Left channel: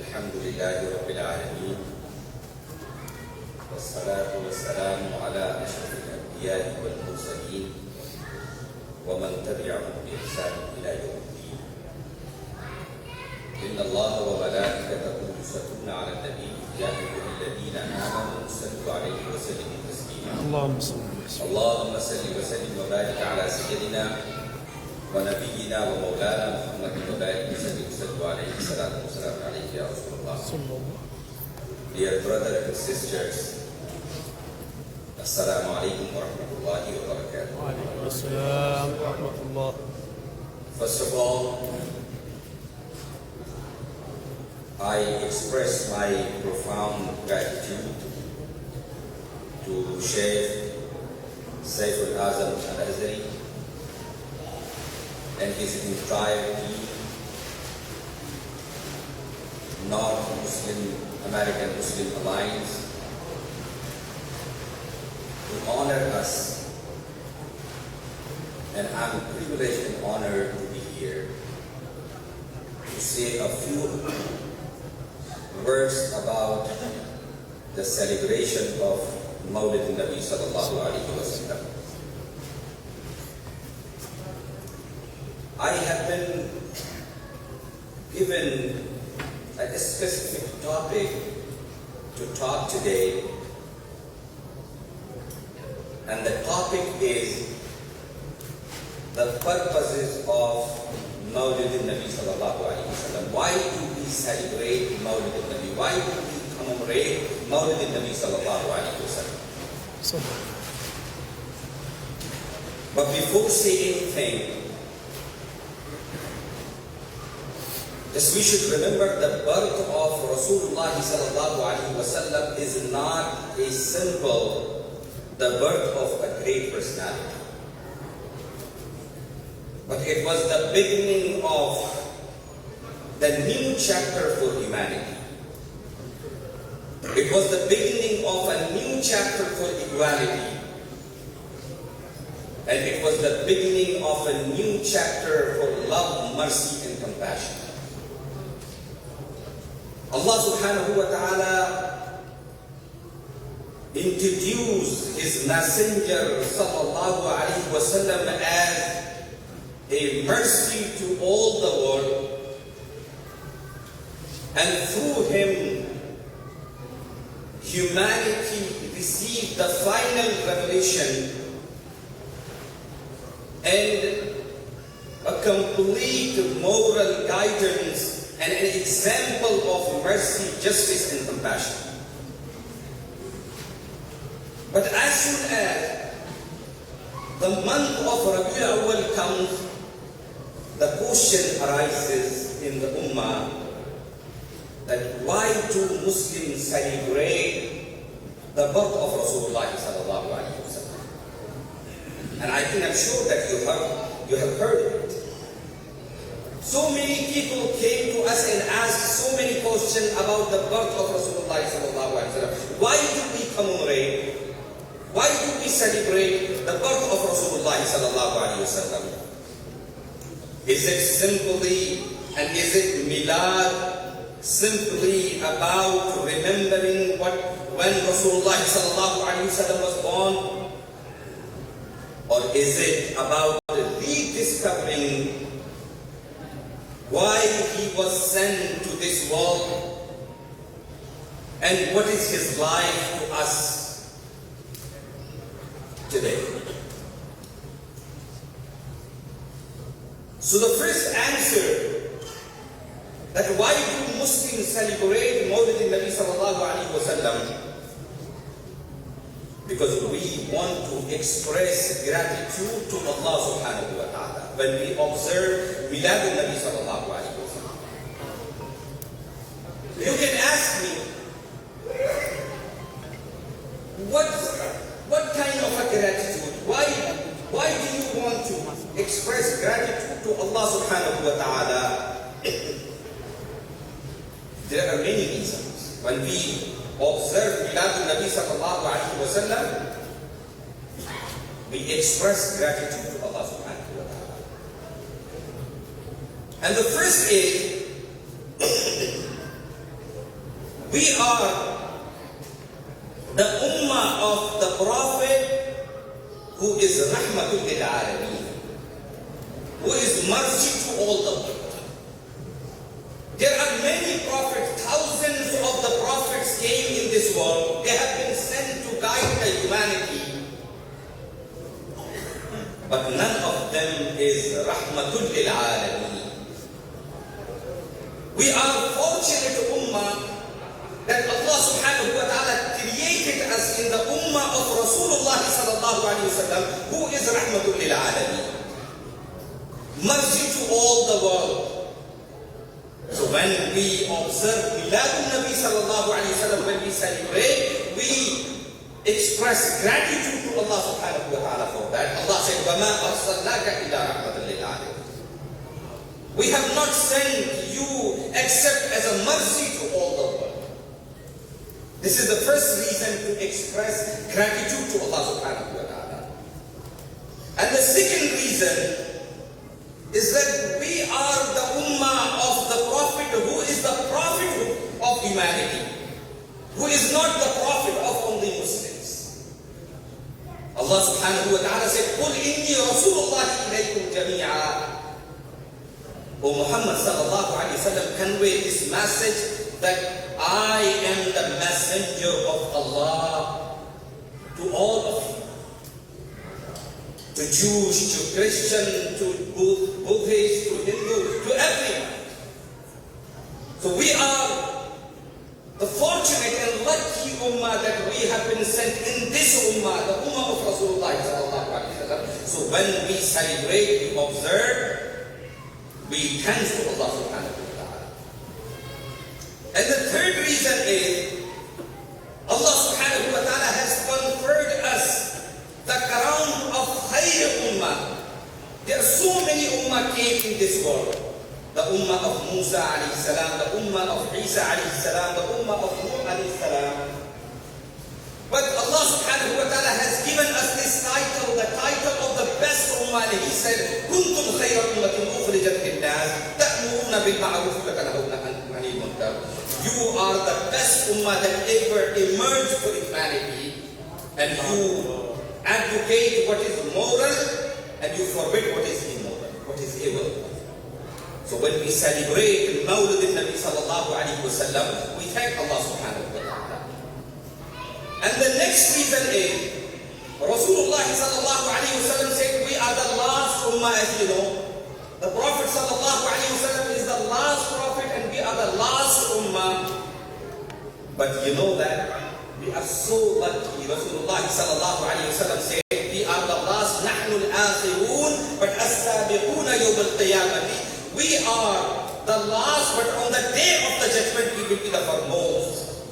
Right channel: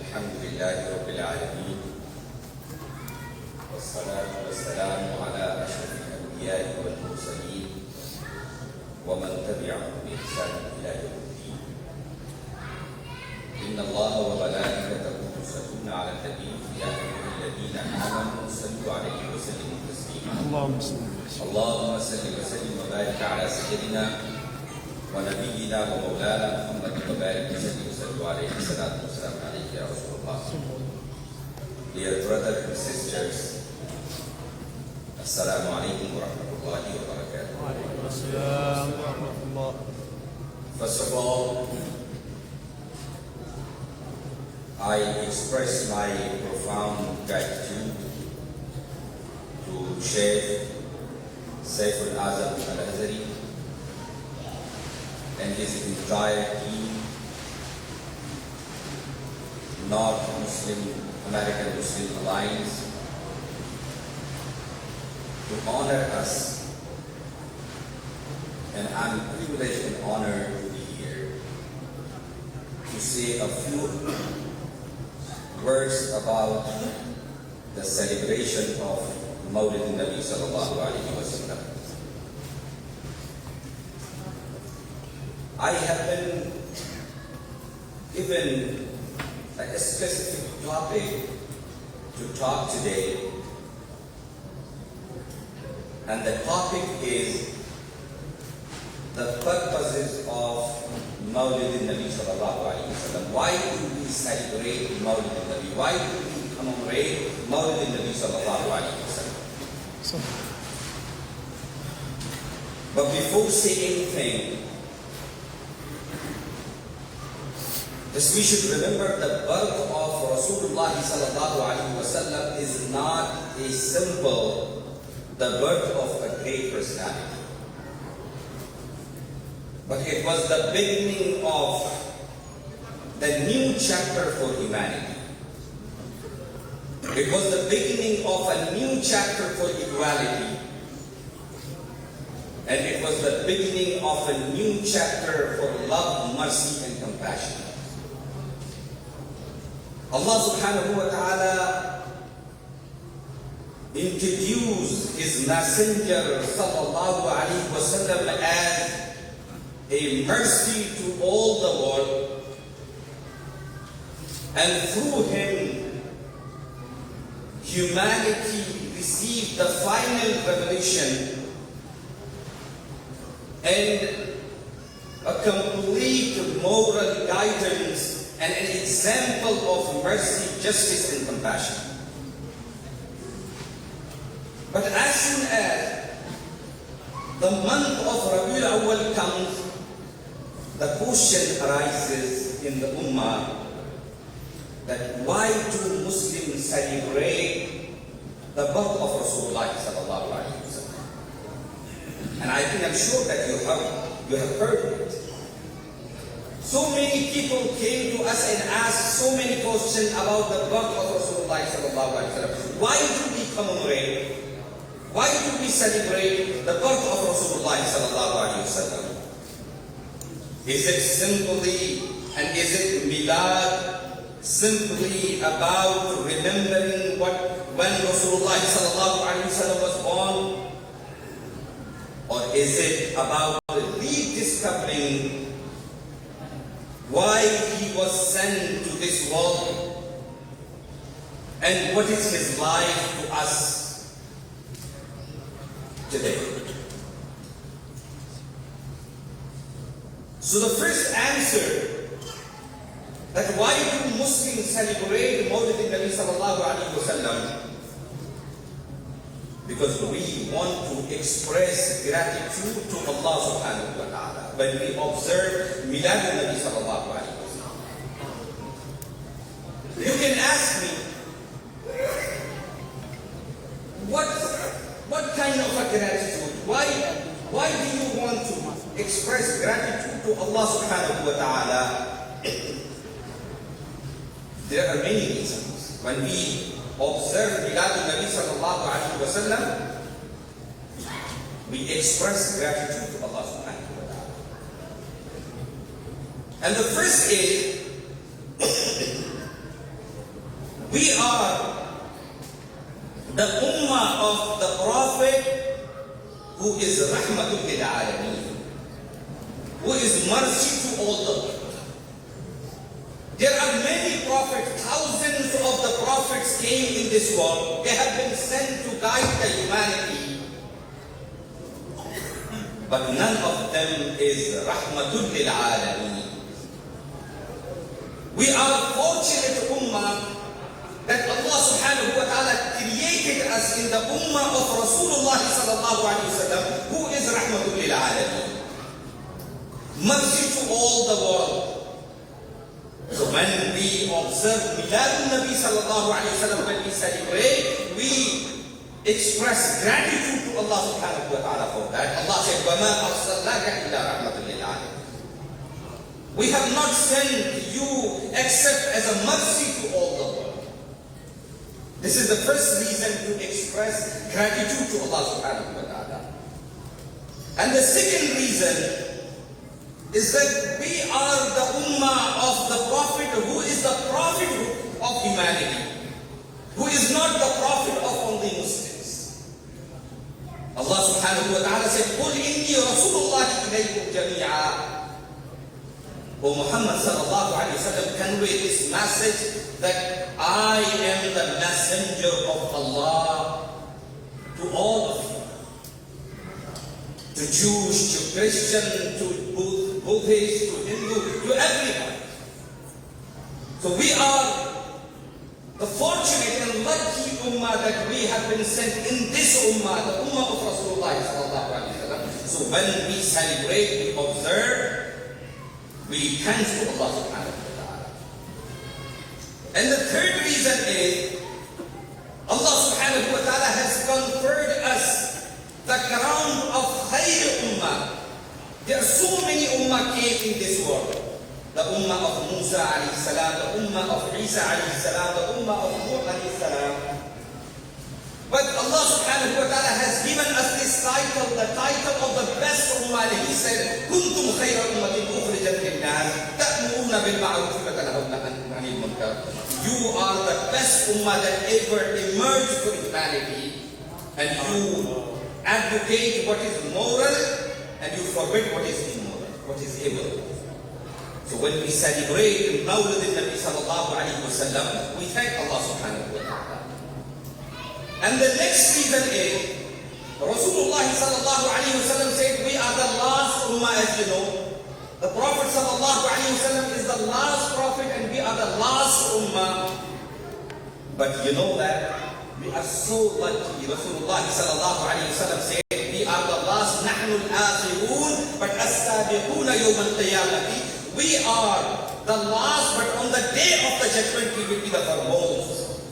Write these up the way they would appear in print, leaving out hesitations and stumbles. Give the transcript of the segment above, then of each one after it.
الحمد لله رب العالمين والصلاة والسلام على أشرف الأنبياء والمرسلين ومن تبعهم بإحسان إلى يوم الدين. إن الله وملائكته يصلون على النبي يا أيها الذين آمنوا صلوا عليه وسلموا تسليما. اللهم صل وسلم وبارك على سيدنا ونبينا ومولانا محمد وبارك وسلم وسلم عليه الصلاة والسلام عليك يا رسول الله. Dear brothers and sisters, Assalamu alaikum wa rahmatullahi wa barakatuh. First of all, I express my profound gratitude to Sheikh Saif al-Azam al-Azhari and his entire team, North Muslim American Muslim Alliance, to honor us. And I'm privileged and honored to be here to say a few words about the celebration of Mawlid Nabi Sallallahu Alaihi Wasallam. I have been given a specific topic to talk today, and the topic is the purposes of Mawlid Nabi Sallallahu Alaihi Wasallam. Why do we celebrate Mawlid Nabi? Why do we commemorate Mawlid Nabi Sallallahu Alaihi Wasallam? But before saying anything, yes, we should remember the birth of Rasulullah sallallahu alaihi wasallam is not a symbol, the birth of a great personality. But it was the beginning of the new chapter for humanity. It was the beginning of a new chapter for equality. And it was the beginning of a new chapter for love, mercy, and compassion. Allah subhanahu wa ta'ala introduced His Messenger sallallahu alayhi wa sallam as a mercy to all the world, and through Him humanity received the final revelation and a complete moral guidance and an example of mercy, justice, and compassion. But as soon as the month of Rabiul Awwal comes, the question arises in the Ummah that why do Muslims celebrate the birth of Rasulullah sallallahu alaihi wasallam? And I think I'm sure that you have heard it. So many people came to us and asked so many questions about the birth of Rasulullah sallallahu alaihi wasallam. Why do we commemorate? Why do we celebrate the birth of Rasulullah sallallahu alaihi wasallam? Is it simply, and is it milad, simply about remembering when Rasulullah sallallahu alaihi wasallam was born? Or is it about rediscovering why He was sent to this world and what is His life to us today? So the first answer, that why do Muslims celebrate Mawlid Nabi Sallallahu Alaihi Wasallam? Because we want to express gratitude to Allah Subhanahu wa Ta'ala when we observe Milad Nabi Sallallahu Alaihi Wasallam. You can ask me, what kind of a gratitude? Why do you want to express gratitude to Allah Subhanahu wa Ta'ala There are many reasons. When we observe Milad Nabi sallallahu alayhi wa sallam, we express gratitude to Allah subhanahu wa ta'ala. And the first is, we are the ummah of the Prophet who is rahmatul lil alameen, who is mercy to all the world. There are many prophets, thousands of the prophets came in this world. They have been sent to guide the humanity. But none of them is rahmatul lil alameen. We are fortunate ummah that Allah subhanahu wa ta'ala created us in the ummah of Rasulullah sallallahu alayhi wa sallam, who is rahmatul lil alameen. Mercy to all the world. So when we observe Miladun Nabi sallallahu alayhi wa sallam, when we celebrate, we express gratitude to Allah subhanahu wa ta'ala for that. Allah said, وَمَا أَرْسَلْنَاكَ إِلَّا رَحْمَةً لِلْعَالَمِينَ. We have not sent you except as a mercy to all the world. This is the first reason to express gratitude to Allah subhanahu wa ta'ala. And the second reason is that we are the ummah of the Prophet who is the Prophet of humanity, who is not the Prophet of only Muslims. Allah subhanahu wa ta'ala said, قُلْ إِنِّي رَسُولُ اللَّهِ إِلَيْكُمْ جَمِيعًا. O Muhammad sallallahu alayhi wa sallam, convey this message that I am the messenger of Allah to all of you. To Jews, to Christian, to Buddhist, to Hindu, to everyone. So we are the fortunate and lucky ummah that we have been sent in this ummah, the ummah of Rasulullah sallallahu alaihi wasallam. So when we celebrate, we observe, we thank to Allah subhanahu wa ta'ala. And the third reason is, Allah subhanahu wa ta'ala has conferred us the crown of Khayr Ummah. There are so many ummah came in this world. The ummah of Musa alayhi salam, the ummah of Isa alayhi salam, the ummah of Nuh alayhi salam. But Allah subhanahu wa ta'ala has given us this title, the title of the best ummah. He said, كُنْتُمْ خَيْرَ أُمَّةٍ أُخْرِجَتْ لِلنَّاسِ تَأْمُرُونَ بِالْمَعْرُوفِ وَتَنْهَوْنَ عَنِ الْمُنكَرِ. You are the best ummah that ever emerged for humanity, and you advocate what is moral and you forbid what is immoral, what is evil. So when we celebrate Mawlid al-Nabi sallallahu alayhi wa sallam, we thank Allah subhanahu wa ta'ala. And the next reason is, Rasulullah sallallahu alayhi wa sallam said, we are the last ummah, as you know. The Prophet sallallahu alayhi wa sallam is the last prophet and we are the last ummah. But you know that we are so lucky. Rasulullah sallallahu alayhi wa sallam said, we are the last, نحن الآخرون, but السابقون يوم القيامة. We are the last, but on the day of the judgment we will be the foremost.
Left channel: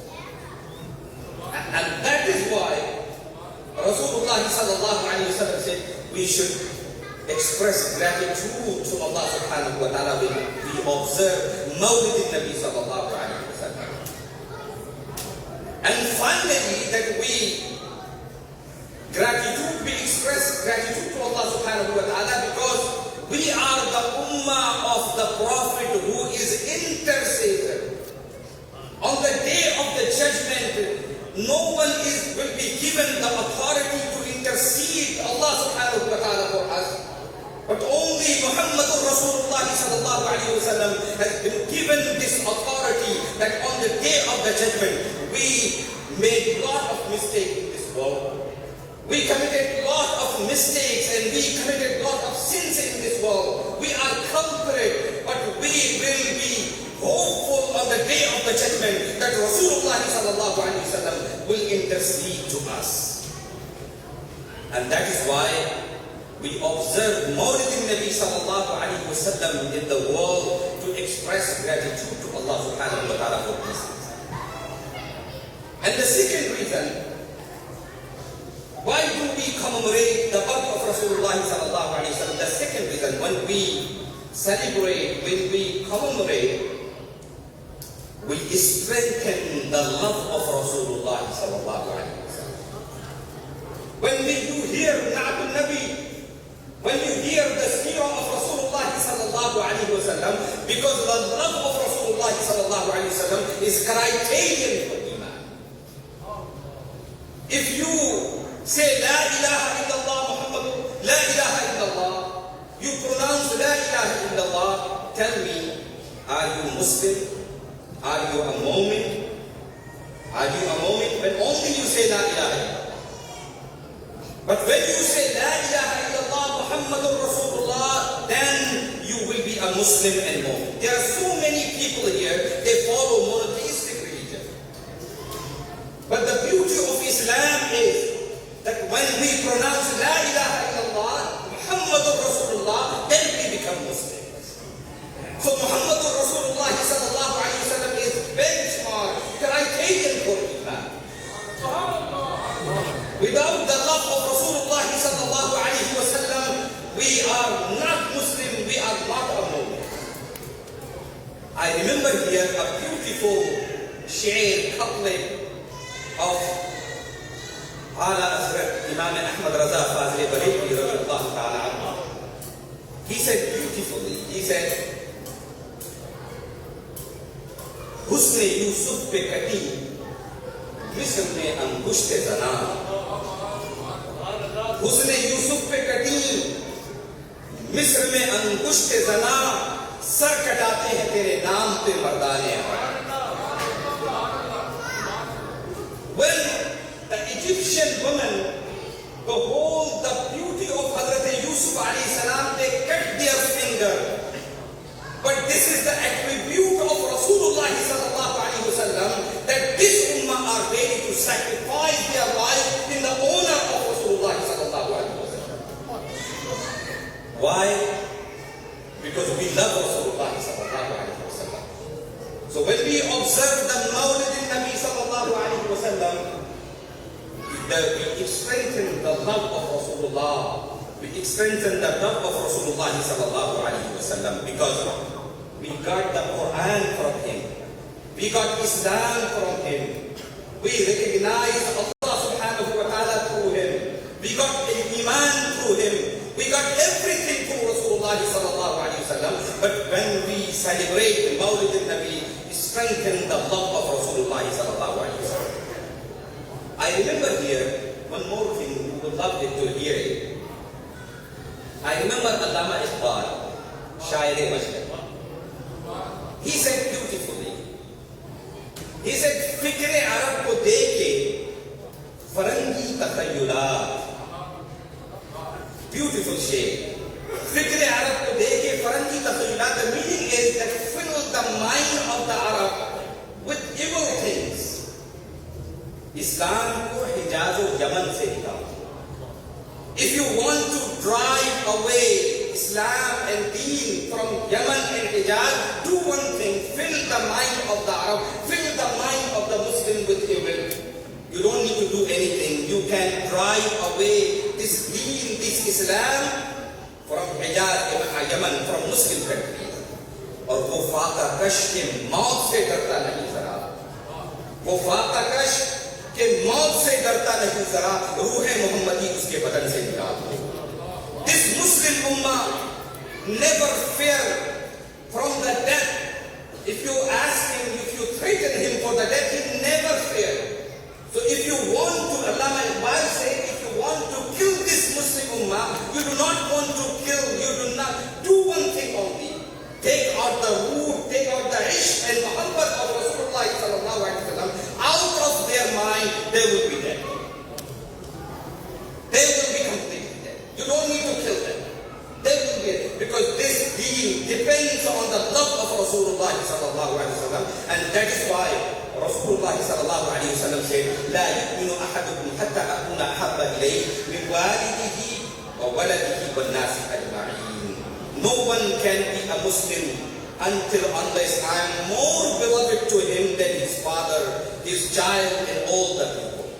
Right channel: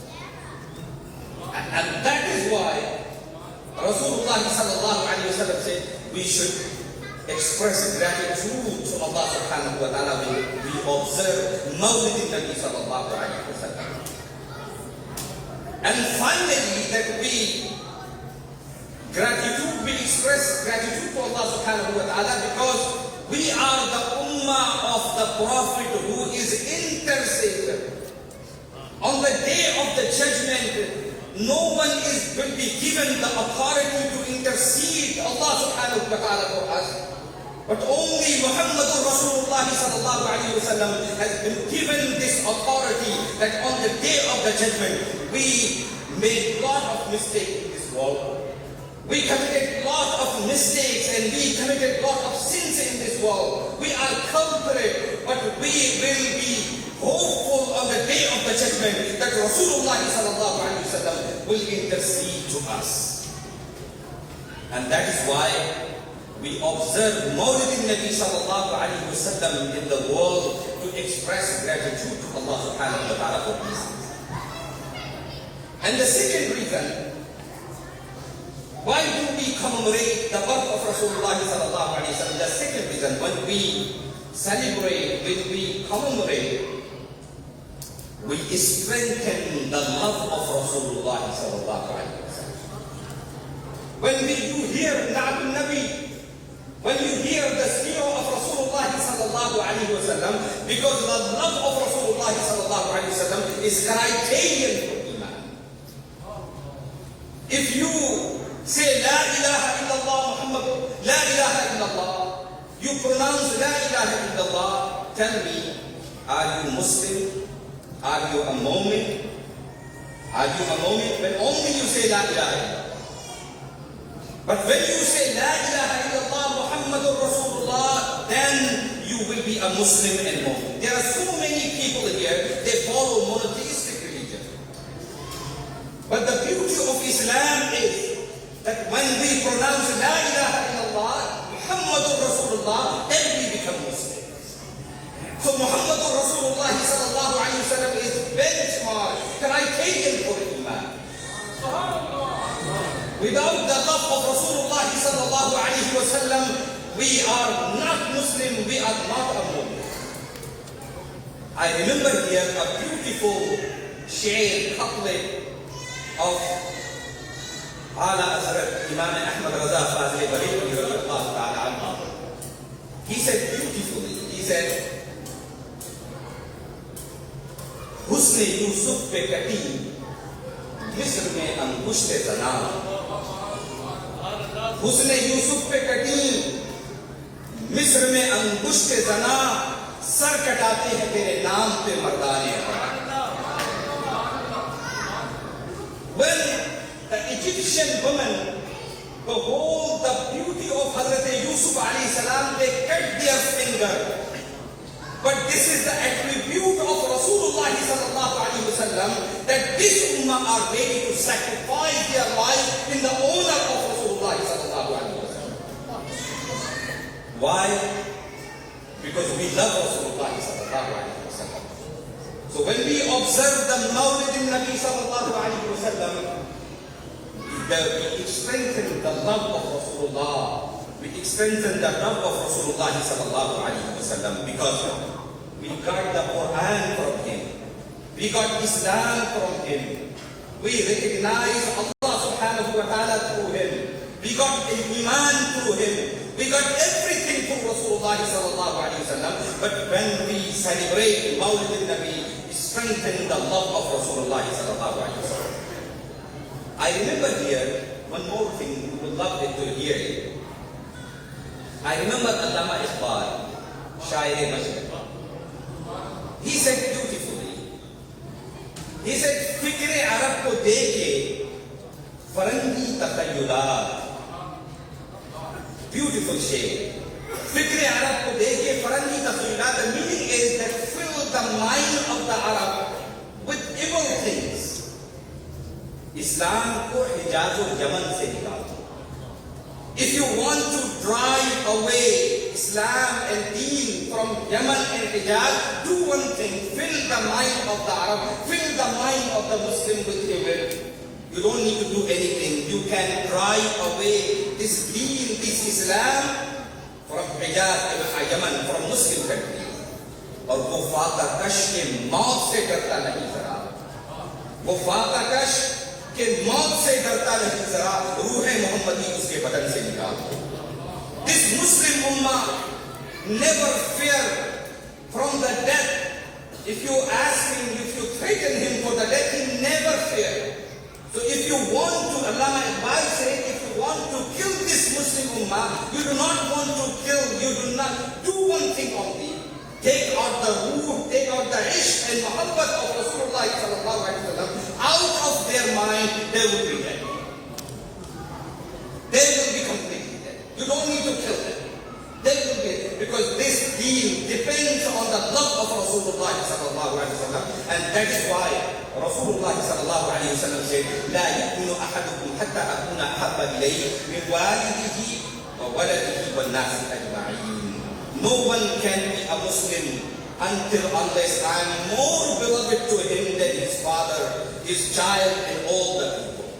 And that is why Rasulullah sallallahu alayhi wa sallam said, we should express gratitude to Allah subhanahu wa ta'ala when we observe Mawlid al-Nabi sallallahu alayhi wa sallam. And finally, that we express gratitude to Allah subhanahu wa ta'ala because we are the ummah of the Prophet who is intercessor. On the day of the judgment, no one will be given the authority to intercede Allah subhanahu wa ta'ala for us. But only Muhammadur Rasulullah sallallahu alayhi wa sallam has been given this authority that on the day of the judgment, we made a lot of mistakes in this world. We committed a lot of mistakes and we committed a lot of sins in this world. We are culprit, but we will be hopeful on the day of the judgment that Rasulullah sallallahu alayhi wa sallam will intercede to us. And that is why we observe Mawlid al-Nabi sallallahu alayhi wa sallam in the world to express gratitude to Allah subhanahu wa ta'ala for these things. And the second reason, why do we commemorate the birth of Rasulullah sallallahu alayhi wa sallam? The second reason, when we celebrate, when we commemorate, will strengthen the love of Rasulullah sallallahu alaihi wasallam. When you hear Na'atul Nabi, when you hear the seerah of Rasulullah sallallahu alaihi wasallam, because the love of Rasulullah sallallahu alaihi wasallam is criterion for iman. If you say La ilaha illallah Muhammad, La ilaha illallah, you pronounce La ilaha illallah, tell me, are you Muslim? Are you a mu'min? Are you a mu'min? When only you say La ilaha illallah. But when you say La ilaha illallah Muhammadur Rasulullah, then you will be a Muslim and mu'min. There are so many people here, they follow monotheistic religion. But the beauty of Islam is that when we pronounce La ilaha illallah Muhammadur Rasulullah, then we become Muslims. So Muhammadur Rasulullah sallallahu alayhi wa sallam is benchmark, criterion for iman. Without the love of Rasulullah sallallahu alayhi wa sallam, we are not Muslim, we are not a mu'min. I remember here a beautiful shair couplet of Ala Hazrat Imam Ahmad Raza Fazli Bareilly radiyallahu ta'ala anhu. He said beautifully, he said, Husn Yusuf pe kati, Misr mein angushte zana. Husn Yusuf pe kati, Misr mein angushte zana, sar katate hain tere naam pe mardane apar. When the Egyptian women behold the beauty of Hazrat Yusuf alayhi salam, they cut their finger. But this is the attribute of Rasulullah sallallahu alayhi wa sallam, that this ummah are ready to sacrifice their life in the honor of Rasulullah sallallahu alayhi wa sallam. Why? Because we love Rasulullah sallallahu alayhi wa sallam. So when we observe the Mawlid Nabi sallallahu alayhi wa sallam, we strengthen the love of Rasulullah. We strengthen the love of Rasulullah sallallahu alayhi wa sallam because we got the Quran from him. We got Islam from him. We recognize Allah subhanahu wa ta'ala through him. We got Iman through him. We got everything through Rasulullah sallallahu alayhi wa sallam. But when we celebrate Mawlid al-Nabi, we strengthen the love of Rasulullah sallallahu alayhi wa sallam. I remember here one more thing, you would love it to hear it. I remember Allama Iqbal, Shair-e-Mashriq. He said beautifully, he said, Fikr-e Arab ko dekhe, Farangi takhayyulat. Beautiful shair. Fikr-e Arab ko dekhe, Farangi takhayyulat. The meaning is that fill the mind of the Arab with evil things. Islam ko Hijaz o Yaman se nikalo. If you want to drive away Islam and Deen from Yemen and Hijaz, do one thing, fill the mind of the Arab, fill the mind of the Muslim with evil. You don't need to do anything. You can drive away this Deen, this Islam from Hijaz and Yemen, from Muslim countries. और वो फाका कश के मौत से डरता नहीं जरा, वो फाका कश के मौत से डरता नहीं जरा, रूह मोहम्मदी उसके बदन से निकाल दो. This Muslim ummah never fear from the death. If you ask him, if you threaten him for the death, he never fear. So if you want to, Allama Iqbal said, if you want to kill this Muslim ummah, you do not want to kill, you do not do one thing only. Take out the root, take out the ishq and muhabbat of Rasulullah sallallahu alaihi wasallam out of their mind, they will be dead. They will be completely dead. You don't need to kill them. They will be dead. Because this deen depends on the love of Rasulullah sallallahu alaihi wasallam, and that is why Rasulullah sallallahu alaihi wasallam said, لا يؤمن أحدكم حتى أكون أحب إليه من والده وولده والناس أجمعين. No one can be a Muslim unless I am more beloved to him than his father, his child, and all the people.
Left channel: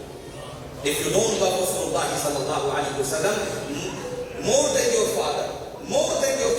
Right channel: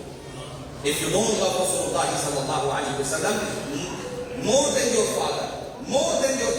If you don't love Rasulullah sallallahu alaihi wasallam more than your father, more than your